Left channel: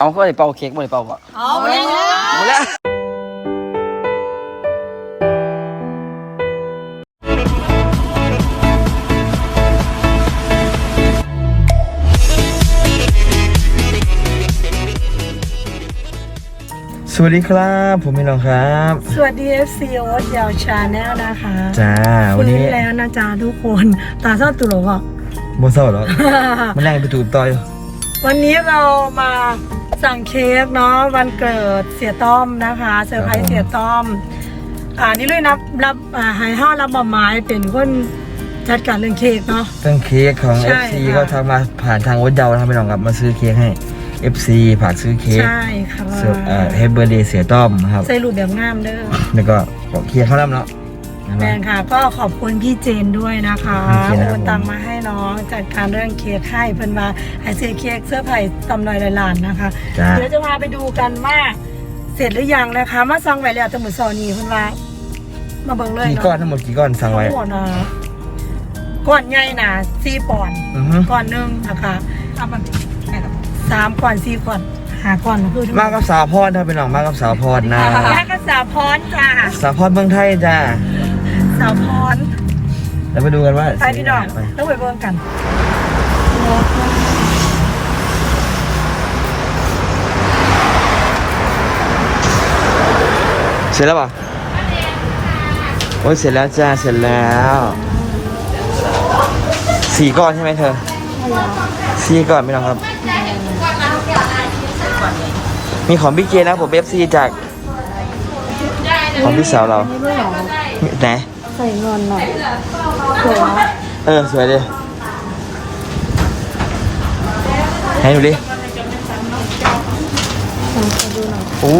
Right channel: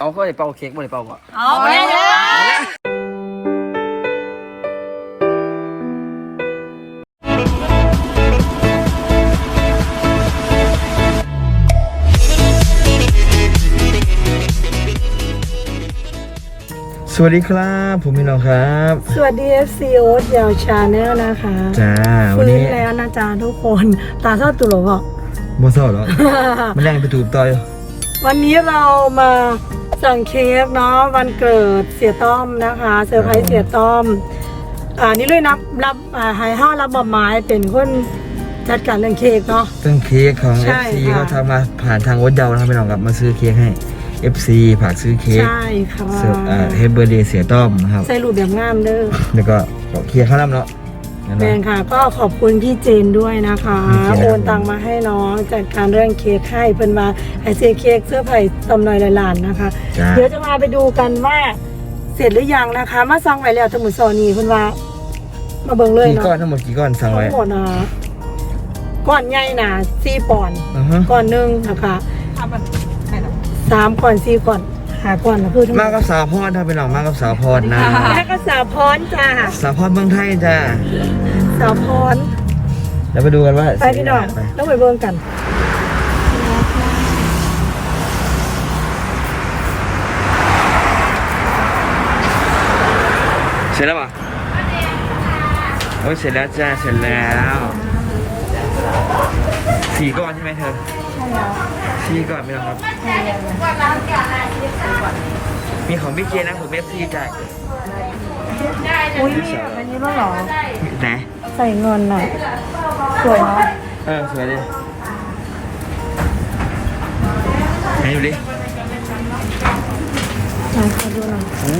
เอาก็ได้เป่าเค้กบ่ได้เป่าบ่เอาไปเลยมาแล้วสวัสดีครับ ผมพี่น้องครับ สวัสดี FC โอ๊ตยาวชาแนลนะคะจ้าวันนี้ฟื้แล้วนะจ๊ะทุกคนตาเศร้าตุลกอะโมเศร้าหรอมันแรงไปถูกต่อยวันนี้เรามา สั่งเค้กเนาะวันเกิดเสียต้อมนะคะเซอร์ไพรส์เสียต้อม อ่านี่เลยนับรับอ่าไฮห้ารับบไม้เป็นคนจัดการเรื่องเค้กเนาะตั้งเค้กของ ใช่ FC ค่ะ ก็ทำมาผ่านทางโอ๊ตเยานะครับพี่น้องครับมาซื้อเค้กให้ FC ฝากซื้อเค้กใช่ค่ะเซอร์เอ่อเฮเบอร์เดย์เสียต้อมนะครับ ใส่รูปแบบงามเด้อแล้วก็ของเค้กข้าวน้ำเนาะ นั่นแมเนาะนค่ะก็ขอบคุณพี่เจนด้วยนะคะพี่เจนนะครับ โอนตังมาให้น้องจัดการเรื่องเค้กให้เพิ่นมาไอเจเค้กเสื้อไผ่ตำนอยลอยลานนะคะ จ้าเดี๋ยวจะมาไปดูกันว่า เสร็จหรือยังนะคะ มาสั่งไว้แล้วแตหมุซอนีเพิ่นว่า มาเบิ่งเลยกี่เนาะก้อนทั้งหมดกี่ก้อนสั่งไว้ทั้งหมดนะก้อนใหญ่หนาสี่ปอนด์อือฮึก้อนหนึ่งนะคะสามก้อนสี่ก้อนหาก้อนนะพูดทั้งหมากับสาวพอดครับพี่น้องมากับสาวพอดนะมาก็สาวพรค่ะ สาวพอดเมืองไทยจ้า สาวพรแล้วไปดูกันว่าไปพี่น้องไปต้องไปเบิ่งกันแล้วค่ะเสร็จแล้วเปล่าโอ้ยเสร็จแล้วจ้าเสร็จแล้วสี่ก้อนใช่ไหมเธอใช่แล้วสี่ก้อนพี่น้องครับมีของพี่เจนะผมเอฟซีจากของพี่สาวเราอันนี้ด้วยเหรอไหน ใส่เงินหน่อยสวยนะเออ สวยดิไหนดูดิเห็นเขาดูหน่อยโอ้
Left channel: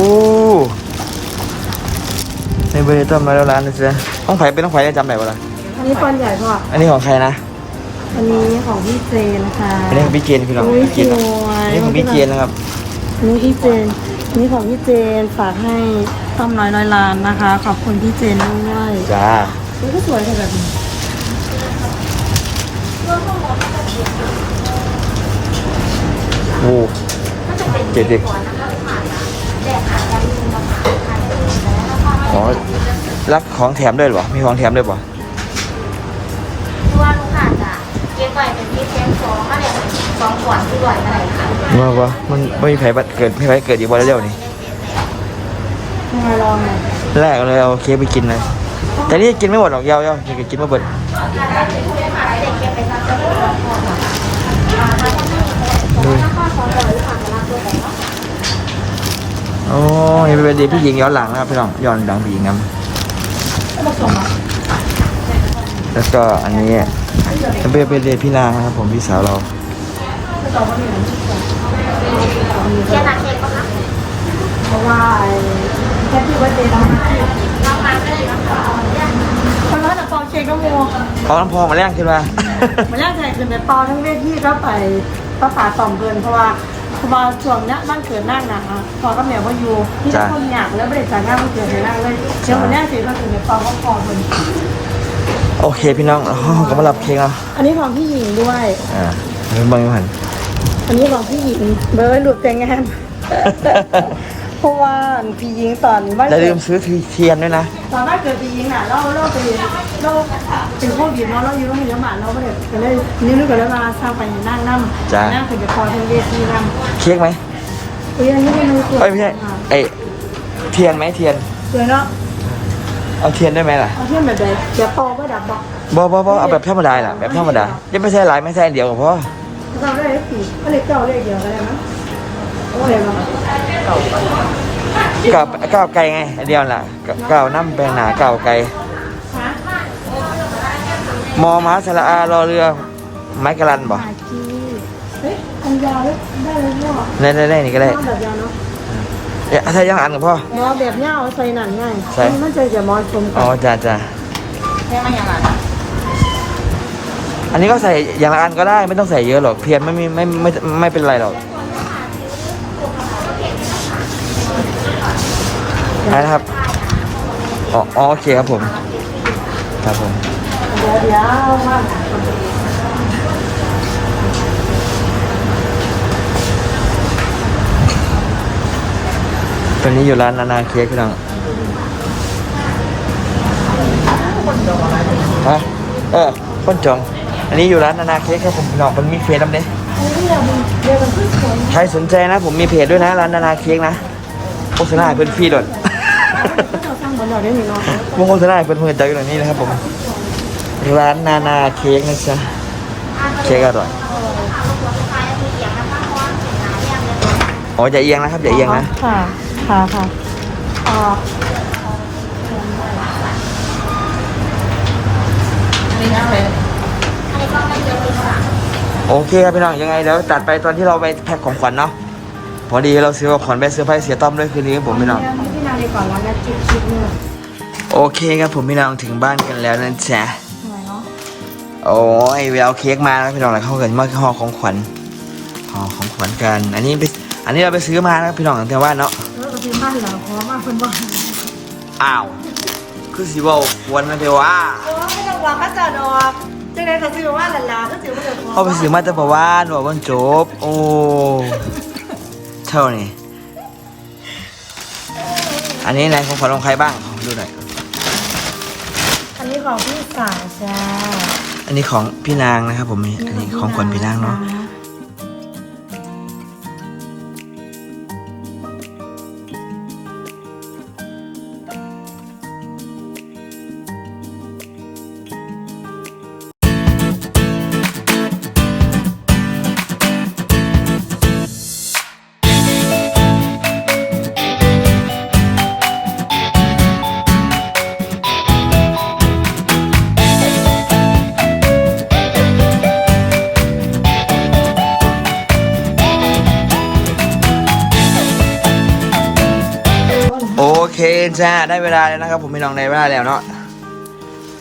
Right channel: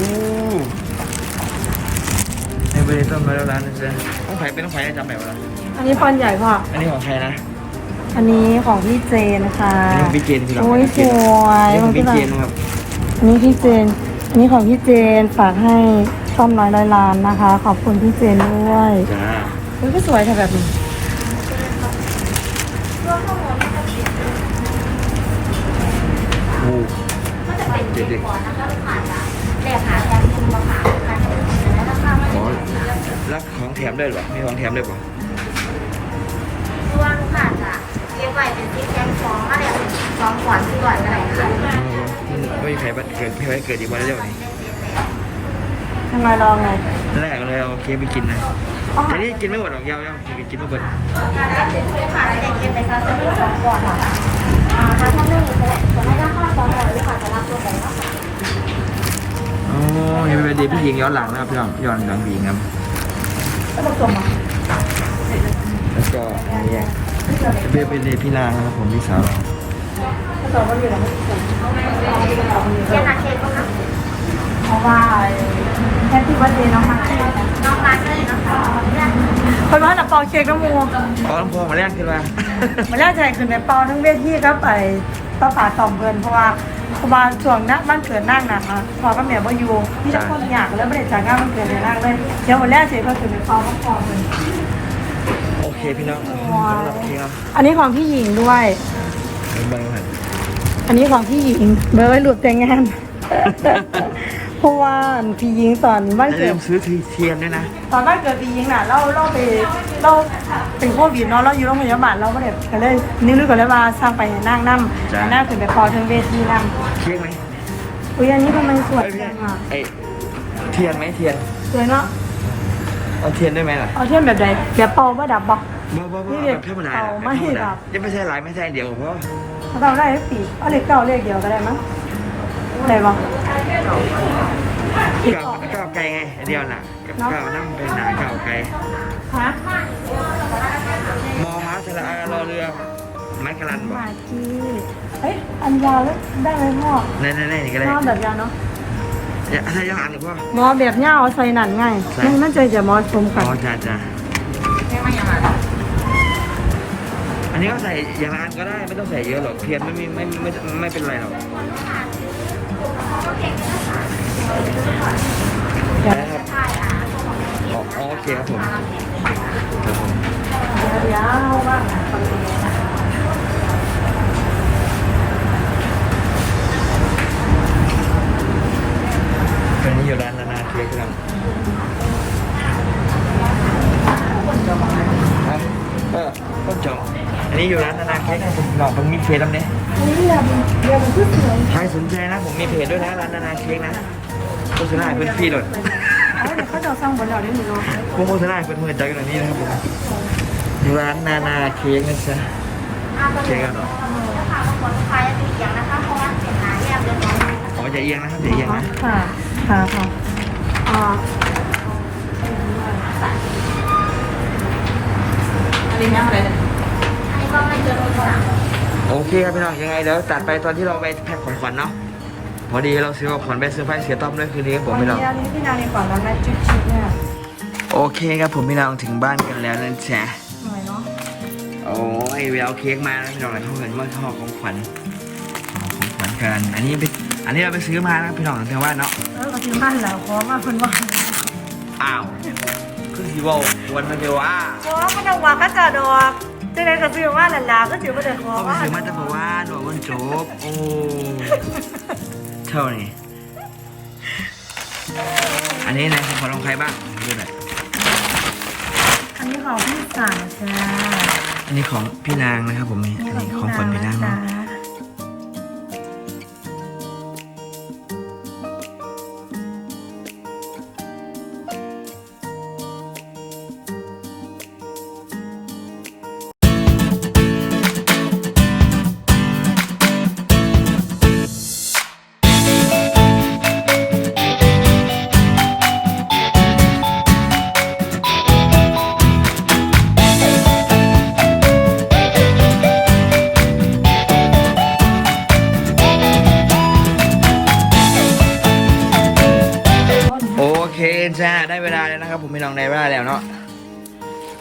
ในเบอร์ต้นมาแล้วร้านนะจ๊ะต้องไผ่เป็นต้องไผ่จะจำไหนวะล่ะอันนี้ฟันใหญ่ค่ะอันนี้ของใครนะอันนี้ของพี่เจนนะคะอันนี้ของพี่เจนพี่น้องโอ้ยพี่เจนสวยอันนี้ของพี่เจนนะครับ นี่พี่เจนนี่ของพี่เจนฝากให้ต้อมน้อยร้อยล้านนะคะ ขอบคุณพี่เจนด้วย จ้า นี่ก็สวยค่ะแบบนี้โอ้เจ็ดดิอ๋อรับของแถมด้วยเหรอ มีของแถมด้วยเปล่ะว่าค่ะจะเก็บไว้เป็นที่แทนฟองมาเนี่ยสองขวดที่บ่อยได้ค่ะว่าว่ามันไม่มีใครบัดเกิดไม่มีใครเกิดอีกวันเร็วๆนี่ทำไมลองไงแรกเลยเอาเค้กไปกินเลย แต่นี่กินไม่หมดหรอกเยาวๆอยากจะกินมาเบิดค่ะเด็กเก็บไปซักตัวสองขวดโอ้ยเป็นเด็กพี่หญิงย้อนหลังนะครับพี่น้องย้อนหลังพี่หญิงครับแล้วก็อันนี้เป็นเป็นเด็กพี่นางนะครับผมพี่สาวเราแค่นั้น เพราะว่าแฮปปี้วันเดย์น้องมาร์คน้องมาเลยนะคะคนว่าจะเป่าเค้กน้ำมูเปาน้ำพองมาแรงขึ้นมามันแรกใจคือในเป่าทั้งเวทีก็ไปป้าป่าต่อมเพลินเพราะว่าเพราะว่าช่วงนักบ้านเกิดนั่งนะคะพอก็แม่ว่าอยู่ที่ทุกคนอยากแล้วไม่ได้จ่ายงานวันเกิดให้นั่งเลยเดี๋ยววันแรกเสร็จก็คือในเป่าเขาพอเพลินโอเคพี่น้องอ๋อก็มารับเค้กเนาะอันนี้ของพี่หญิงด้วยอ่าเริ่มเบางหันอันนี้ของพี่หญิงเบอร์เป็นรูปแต่งงาน เพราะว่าพี่หญิงตอนบ้านอย่าเกิลืดมซื้อเทียนด้วยนะ ตอนบ้านเกิดพี่หญิงน่ะเราเราไปเราเป็นโควิดเนาะเราอยู่โรงพยาบาลเราก็เลยก็เลยนึกนึกก่อนเลยว่าสร้างไปให้นั่งนั่งจ้ะ นั่งถึงไปพอทั้งเวทีนั่งเค้กไหมอุ้ยอันนี้ทำไมสวยเอ้ยไม่ใช่อะไอเทียนไหมเทียน สวยเนาะเอาเทียนได้ไหมล่ะเอาเทียมแบบไหนแบบปองก็ดับบอกบ่บ่บ่เอาแบบธรรมดาล่ะแบบธรรมดายังไม่ใช่หลายไม่ใช่อันเดียวก็พอถ้าเราได้สีเอาเลขเก้าเลขเดียวก็ได้มั้ง อะไรบ้างก้าวก้าวไกลไงอันเดียวน่ะก้าวน้ำแปลงหนาก้าวไกลฮะมอม้าสระอารอเรือ ไม้กะลันบ่หาจีเฮ้ยอันยาวแล้วได้ไหมพ่อในในในนี่ก็ได้เอาแบบยาวเนาะเนี่ยถ้ายังอ่านกับพ่ออ๋อแบบยาวเอาใส่หนันง่ายใส่นั่นจะจะมอจุ่มอ๋อจ้าจ้าอันนี้ก็ใส่อย่างละอันก็ได้ไม่ต้องใส่เยอะหรอกเทียนไม่มีไม่ไม่ไม่เป็นไรหรอก นะครับอ๋อโอเคครับผม ครับผมเดี๋ยวเดี๋ยวว่าอนนี้อยู่ร้านนานาเค้กพี่น้องฮะเออคนจอง อันนี้อยู่ร้านนานาเค้กครับผมพี่น้องมันมีเพจทำเด้ใครสนใจนะ ผมมีเพจด้วยนะร้านนานาเค้กนะโฆษณาเพื่อนฟรีหลด ก็จะสร้างบนหล่อได้หนึ่งพวกโฆษณาให้เพื่อนเพื่อนใจกันหน่อยนี้นะครับผม ร้านนานาเค้กนะจ๊ะเค้กอร่อยอ๋ออย่าเอียงนะครับอย่าเอียงนะค่ะค่ะค่ะอ๋อโอเคครับพี่น้องยังไงเดี๋ยวตัดไปตอนที่เราไปแพ็คของขวัญเนาะ พอดีเราซื้อของขวัญไปเซอร์ไพรส์เสียต้อมด้วยคืนนี้ครับผมพี่น้องอันนี้พี่นาดีกว่าแล้วแม่จิ๊บจิ๊บเนี่ยโอเคครับผมพี่น้องถึงบ้านกันแล้วนะจ๊ะสวยเนาะโอ้ยเวลเค้กมาแล้วพี่น้องแล้วเขาเกิดมาห่อของขวัญห่อของขวัญกัน อันนี้ไปอันนี้เราไปซื้อมานะครับพี่น้องตั้งแต่ว่าเนาะเออก็ซื้อบ้านแล้วเพราะว่าเพิ่นว่าอ้าวคือสิเว่าควรนะเทว่าเพราะว่าไม่ต้องว่าก็จะดอกจังได๋ก็ซื้อว่าหลานๆก็ซื้อมาแต่ของเขาไปซื้อมาแต่บอกว่าหนูวันจบ โอ้ เท่านี้อันนี้ไหนของขวัญของใครบ้าง ดูหน่อย อันนี้ของพี่สาวจ้า อันนี้ของพี่นางนะครับผมนี่อันนี้ของขวัญพี่นางเนาะโจ้าได้เวลาแล้วนะครับ ผมพี่น้องได้เวลาแล้วเนาะ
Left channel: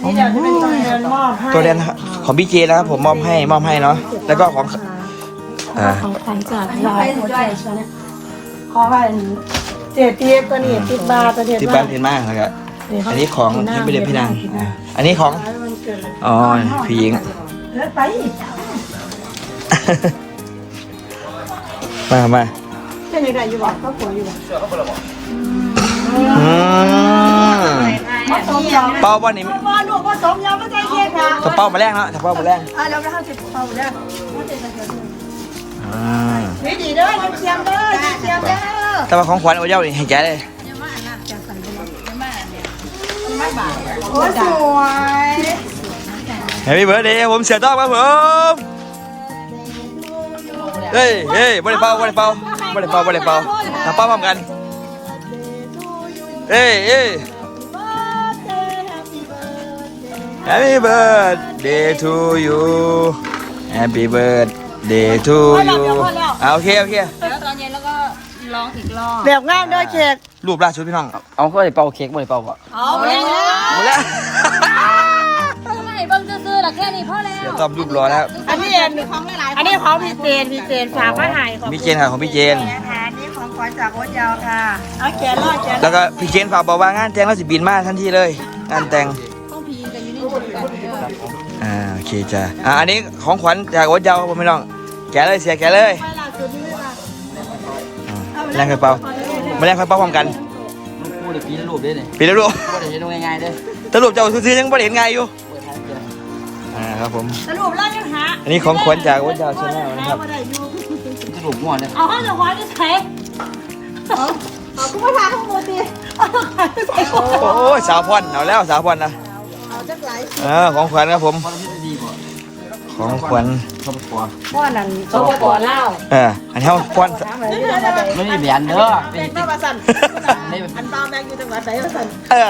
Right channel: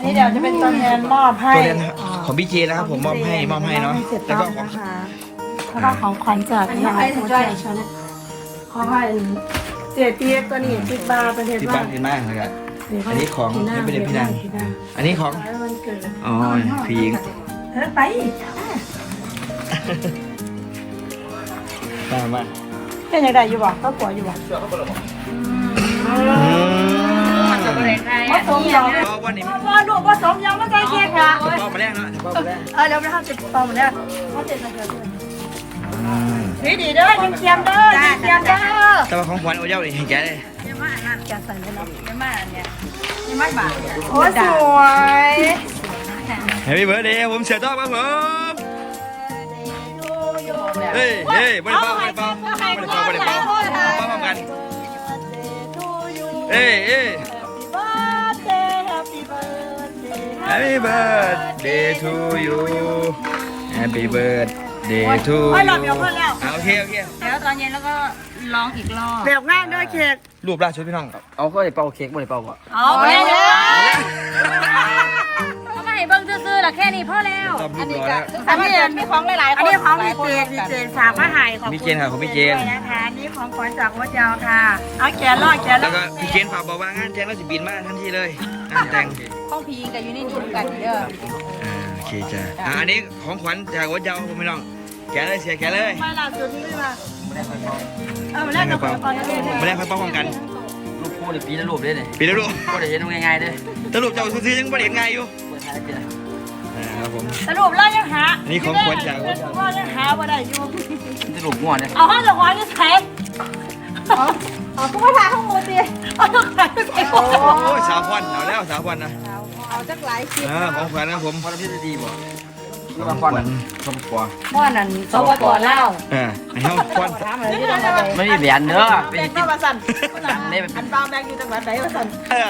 นี่เดี๋ยวจะเป็นตัวแทนมอบให้ตัวเรียนของพี่เจนะครับผมมอบให้มอบให้เนาะแล้วก็ของแล้วก็ของขวัญจากยายหัวใจเชลขอให้เจ็ดทีตัวนี้ติดบาทตัวเดียวที่บ้านเรียนมากนะครับอันนี้ของให้ไปเรียนพี่นางอ่าอันนี้ของอ๋อพี่หญิงเออไปมามาเป็นไงได้อยู่บ่ก็ขออยู่บ่อืม ผสมยาเป้าวันนี้ว่าลูกผสมยาไม่ได้เค้กค่ะจะเป้ามาแรกเนาะจะเป้ามาแรกเออเดี๋ยวไปทำจิตตรงเนี่ยเขาจะเกิดขึ้นอ่าดีดีเด้อยังเทียมเด้อยังเทียมเด้อแต่ว่าของขวัญเอาเย้านี่ให้แกเลยจะสั่งไปแล้วไม่มาเนี่ยไม่บาโอ้สวยแฮปปี้เบิร์ดเดย์ผมเสียต้อมครับผมเฮ้ยเฮ้ยบ่ได้เป่าบ่ได้เป่าบ่ได้เป่าบ่ได้เป่าเอาเป่าพร้อมกันเฮ้ยเฮ้ย Happy birthday to you Happy birthday to you เอาโอเคโอเคแล้วตอนเย็นแล้วก็ร้องอีกรอบแบบง่ายด้วยเค้กรูปล่าสุดพี่น้อง เอาเข้าไปเป่าเค้กบ่ได้เป่าบ่เอาไปเลยมาแล้วต้องไงเบิ่งซื่อๆน่ะแค่นี้พอแล้วเดี๋ยวตอบรูปรอแล้ว อันนี้มีของหลายๆอันนี้ของพี่เจนพี่เจนฝากมาให้ของพี่เจนค่ะของพี่เจนนะคะนี่ของขวัญจากวัดยาวค่ะเอาแกะล่อแกะล่แล้อวก็พี่เจนฝากบอกว่างานแต่งแล้วสิบินมาทันทีเลย งานแต่ง อนกันเด้ออ่าโอเคจ้ะอ่าอันนี้ของขวัญจากวัดยาวครับผมพี่น้อง แกะเลยเสียแกะเลยไปล่าสุดนี่มาแรงเคยเป่ามาแรงเคยเป่าพร้อมกันรูปคู่เลยปีละรูปเด้เนี่ยปีแล้วรูปบ่ได้เห็นง่ายๆเด้อสรุปเจ้าซื้อๆยังไม่ได้เห็นไงอยู่เปิดท้ายเจ้าอ่าครับผมสรุปแล้วยังหาอันนี้ของขวัญจากวัดยาวก็ยังหาว่าได้อยู่จะรูปง่วนเนี่ยเอาห้องจะขวัญจะใช้เอาคุณมาทานข้างบนดิเอาจะขวัญจะใช้โอ้ยสาวพรเอาแล้วสาวพรนะเออของขวัญครับผมพอเราพิจารณาดีบ่ของขวัญเขาบ่พอว่านั่นเขาบอกเล่าเอออันนี้ของขวัญไม่มีเหรียญเด้อไปกินอันนี้มันเป็นเออ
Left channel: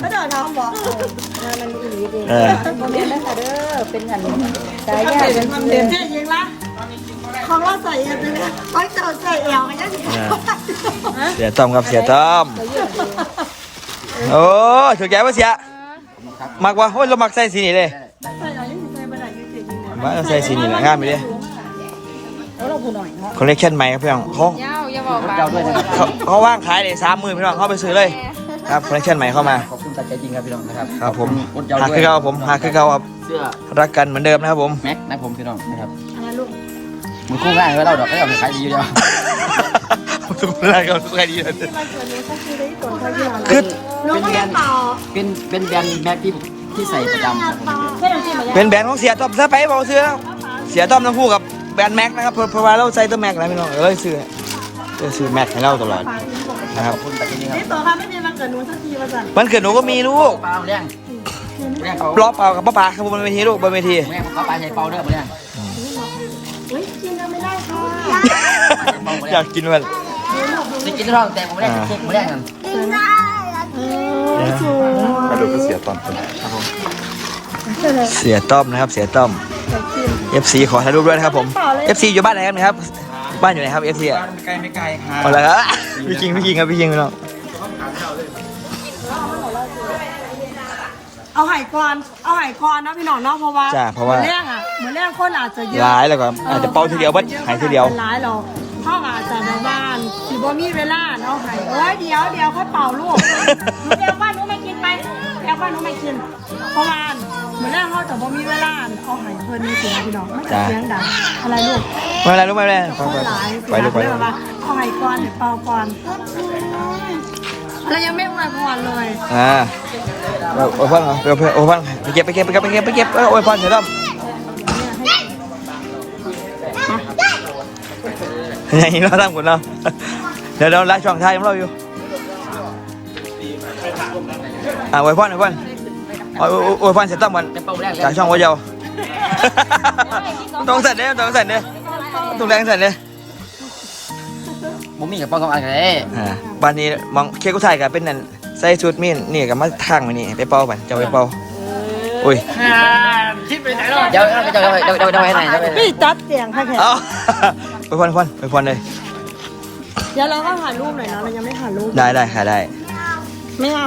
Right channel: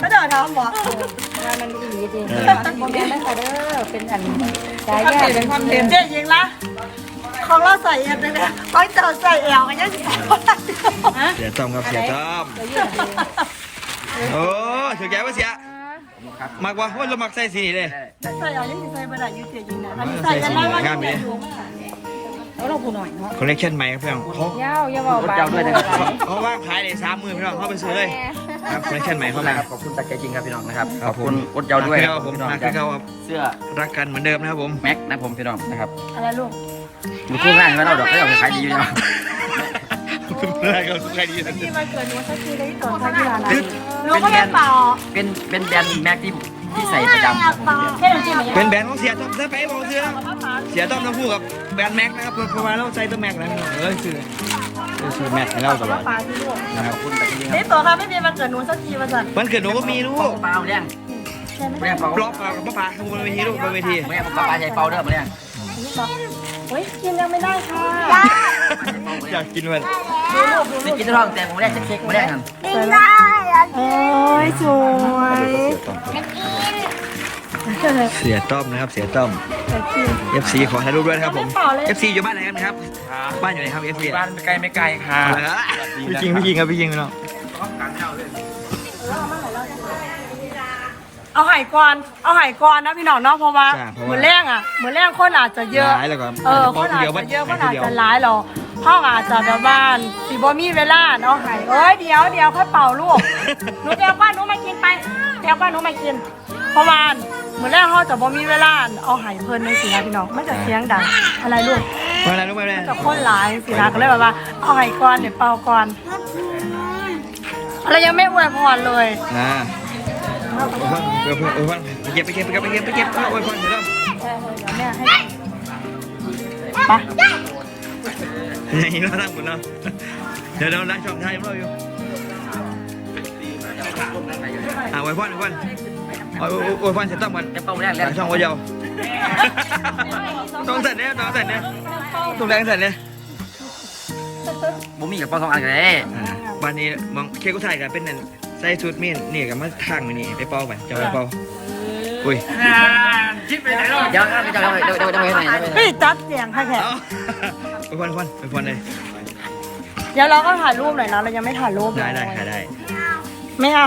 ไม่ได้น้องบอกเออเดี๋ยวเจ๊ยิงนะเขาเล่าใส่เองเลยนะเขาจะใส่เอวกันยังเสียต้อมครับเสียต้อมโอ้ถือแกว่าเสีย มักวะโอ้ยเรามักใส่สีนี้เลยใส่อะไรยังใส่ไม่ได้ยังเจ๊ยิงนะมาเราใส่สีนี้นะงามไปดิคอลเลคชันใหม่ครับพี่น้องเขารถเจ้าด้วยนะครับ เขาเขาว่างขายเลยสามหมื่นพี่น้องเข้าไปซื้อเลยครับคอลเลคชันใหม่เข้ามาขอบคุณตัดใจจริงครับพี่น้องนะครับครับผมรถเจ้าหาด้วยคือเขาผมหาคือเขาครับเสื้อรักกันเหมือนเดิมนะครับผมแม็กนะผมพี่น้องนะครับอะไรลูกมือคู่ง่ายไว้เราดอกก็เอาไปขายดีอยู่แล้วสุดอะไรก็ใครดีเลยที่มันเกิดหนูชอบกินได้ตัวที่ร้านคือ หนูก็ไม่เปล่าเป็นเป็นแบรนด์แม็กที่ที่ใส่ประจำครับผมเป็นแบรนด์ของเสียต้อมซะไปบอกเสื้อเสียต้อมทั้งคู่กับแบรนด์แม็กนะครับเพราะเพราะว่าเราใส่ตัวแม็กแล้วพี่น้องเลยซื้อเลยซื้อแม็กให้เราตลอดนะครับขอบคุณแต่ที่นี่นี่ตัวค่ะไม่มีมันเกิดหนูสักทีมาสั่นวันเกิดหนูก็มีลูคกรับเปล่าเรื่องเรื่องเปล่ารอเปล่ากับป้าป๋าครับบนเวทีลูกบนเวทีแม่ป้าป้าใส่เปล่าเด้อมาเรื่องเฮ้ยกินยังไม่ได้ค่ะอยากกินมันนี่กินท้องแต่ผมไม่ได้เช็คมาเรื่ องกันได้สูงเสียต้อมนะครับ เสียต้อม FC ขอถ่ายรูปด้วยนะครับผม FC อยู่บ้านไหนครับนะครับ บ้านอยู่ไหนครับ FC บ้านไม่ไกลไม่ไกลค่ะเอาละครับพี่คิงพี่คิงครับพี่คิงพี่น้องเอาไห่กวนเอาไห่กวนนะพี่น้องเนาะเพราะว่าเหมือนแรงอะเหมือนแรงคนอาจจะเยอะร้ายแล้วก็อาจจะเป้าทีเดียวบัดหายทีเดียวร้ายเรา พ่ออาจจะแบบว่าสีบ่มีเวลาเนาะไห่เอ้ยเดี๋ยวเดี๋ยวค่อยเป่าลูกหนูเดี๋ยวว่าหนูมากินไปเดี๋ยวว่าหนูมากินเพราะว่าเหมือนแรกเขาจะบ่มีเวลาเอาไห่เพิ่นในสินะพี่น้องไม่จะเสียงดังอะไรลูกไม่เป็นไรลูกไม่เป็นไรกับคนหลายสินะก็เลยแบบว่าเอาไห่ก่อนเดี๋ยวเป่าก่อนอะไรยังไม่อวยพรเลยอ่าโอ้ยพ่อเหรอไปเอาโอ้ยพ่อไปเก็บไปเก็บไปเก็บไปเก็บไปเก็บโอ้ยพ่อเสียต้อมเดี๋ยวแม่ให้ไป อย่างนี้เราทำคนเราเดี๋ยวเราไลฟ์ช่องท้ายของเราอยู่อ่าโอ้ยพ่อโอ้ยพ่อโอ้ยโอ้ยพ่อเสียต้อมก่อนจะเปล่าเรื่องจากช่องวัวเยาว์ต้องสั่นเนี่ยต้องสั่นเนี่ยต้องแรงสั่นเนี่ยผมมีกับเปล่าสองอันเลยอ่าบ้านนี้มองเค้กกุไทยกับเป็นนั่นใส่ชุดมีนนี่กับมาทางมานี่ไปเป่าไปจะไปเป่าอุ้ยเดี๋ยวเดี๋ยวเดี๋ยวเดี๋ยวเดี๋ยวให้ไหนจะไปพี่จัดเสียงค่ะแขกเอา ไปพอนพอนไปพอนเลยเดี๋ยวเราก็ถ่ายรูปหน่อยนะเรายังไม่ถ่ายรูปได้ได้ค่ะได้ไม่เอา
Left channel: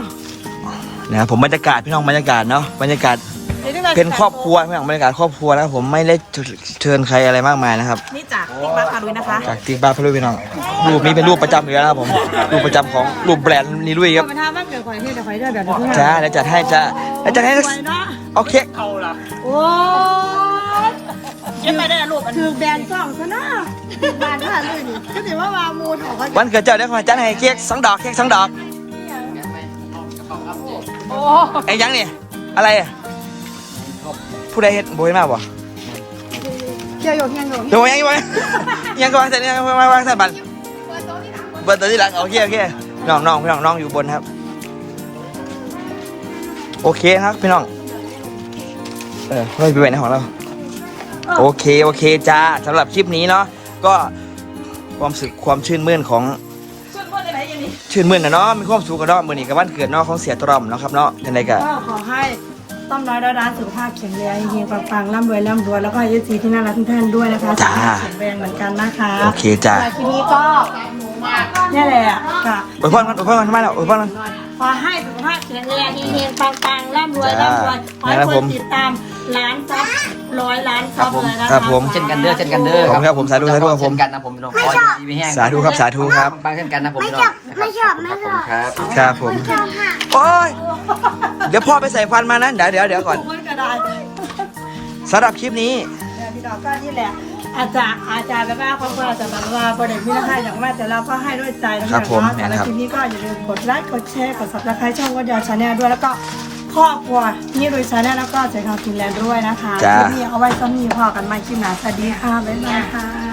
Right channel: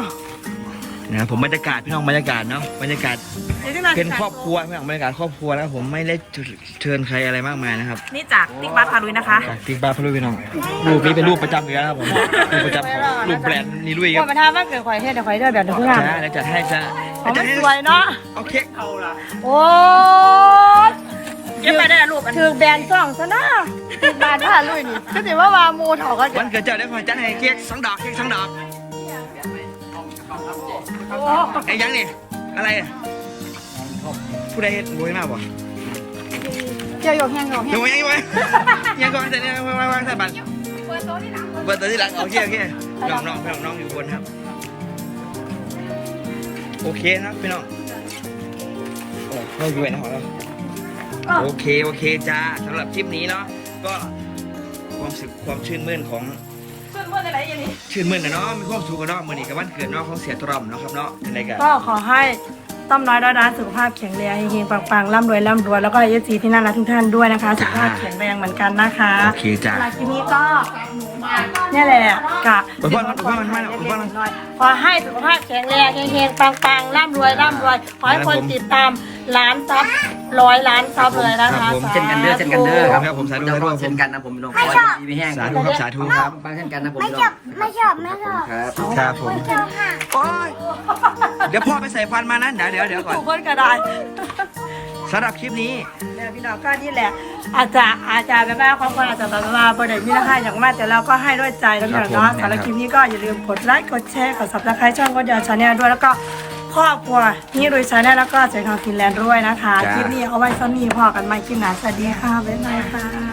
นะครับผมบรรยากาศพี่น้องบรรยากาศเนาะบรรยากาศดี๋ยวได้ไงเป็นครอบครัวพี่น้องบรรยากาศครอบครัวนะครับผมไม่ได้เชิญใครอะไรมากมายนะครับนี่จากติ๊กบ้านพารุยนะคะจากติ๊กบ้านพลุยพี่น้องรูปนี้เป็นรูปประจำอยู่แล้วนะครับผมรูปประจำของรูปแบรนด์นีลุยคก็รับมาท่าบ้านเกิดข่อยให้เดี๋ยวข่อยเดี๋ยวเดี๋ยวเพื่อนจ้าเดี๋ยวจัดให้จ้าเดี๋ยวจัดให้สวยเนาะโอเคโอ้ย เก็บไปได้รูปถือแบรนด์สองซะนะถือแบรนด์ผ่านเลยนี่ก็ถือว่าวามูถอกันวันเกิดเจ้าเดี๋ยวขอจัดให้เค้กสองดอกเค้กสองดอกโอ้ไอ้ยังนี่อะไรอะผู้ใดเฮ็ดบอยมากบ่เจียวอยู่แห้งอยู่เดี๋ยวยังยังยังก่อนเสร็จยังวางวางใส่บัตรเบอร์ตัวที่หลังโอเคโอเคน้องน้องพี่น้องน้องอยู่บนครับ โอเคครับพี่น้องเออไม่ไปไหนของเรา โอเค โอเคจ้าสำหรับคลิปนี้เนาะก็ความสึกความชื่นมื่นของชื่นมื่นนะเนาะมีความสุขกันเนาะมือนี้กับวันเกิดเนาะของเสียตรอมเนาะครับเนาะจังไดก็ก็ขอให้ต้อมน้อยดอยร้านสุขภาพแข็งแรงเฮงๆปังๆร่ำรวยร่ำรวยแล้วก็เอซีที่น่ารักทุกท่านด้วยนะคะสุขภาพแข็งแรงเหมือนกันนะคะโอเคจ้าสำหรับคลิปนี้ก็เนี่ยแหละกะโอ้ยพ่อมันโอ้ยพ่อมันทำไมล่ะโอ้ยพ่อมันขอให้สุขภาพแข็งแรงเฮงๆปังๆร่ำรวยร่ำรวยขอให้ครับคผนมติดตาม ล้านซับร้อยล้านซับเลยนะคะครับผม เช่นกันเด้อเช่นกันเด้อขอบคุณครับผมสาธุสาธุครับผม เช่นกันนะผมพี่น้องมีแห้งสาธุครับสาธุครับบางเช่นกันนะผมพี่น้องไม่ชอบไม่ชอบครับ ครับผมโอ้ย เดี๋ยวพ่อไปใส่ฟันมานั้นเดี๋ยวเดี๋ยวเดี๋ยวก่อนถูกคนกระดาษสำหรับคลิปนี้เดี๋ยวพี่ดอกก็นี่แหละ อาจจะอาจจะแบบว่าความคนอาจจะแบบว่าประเด็นที่เราให้อย่างมากแต่เราก็ให้ด้วยใจแล้วครักันบผมเนาะนะสำหรับครับ คลิปนี้ก็อย่าลืมกดไลค์กดแชร์กด subscribe ช่องก็เดียวชาแนลด้วยแล้วก็ ครอบครัวนี่โดยชาแนลแล้วก็เจ๊ข่าวฟินแลนด์ด้วยนะคะจ้าคลิปนี้เอาไว้ซ้ำนี้พอกันใหม่คลิปหน้าสวัสดีค่ะบ๊ายบายค่ะ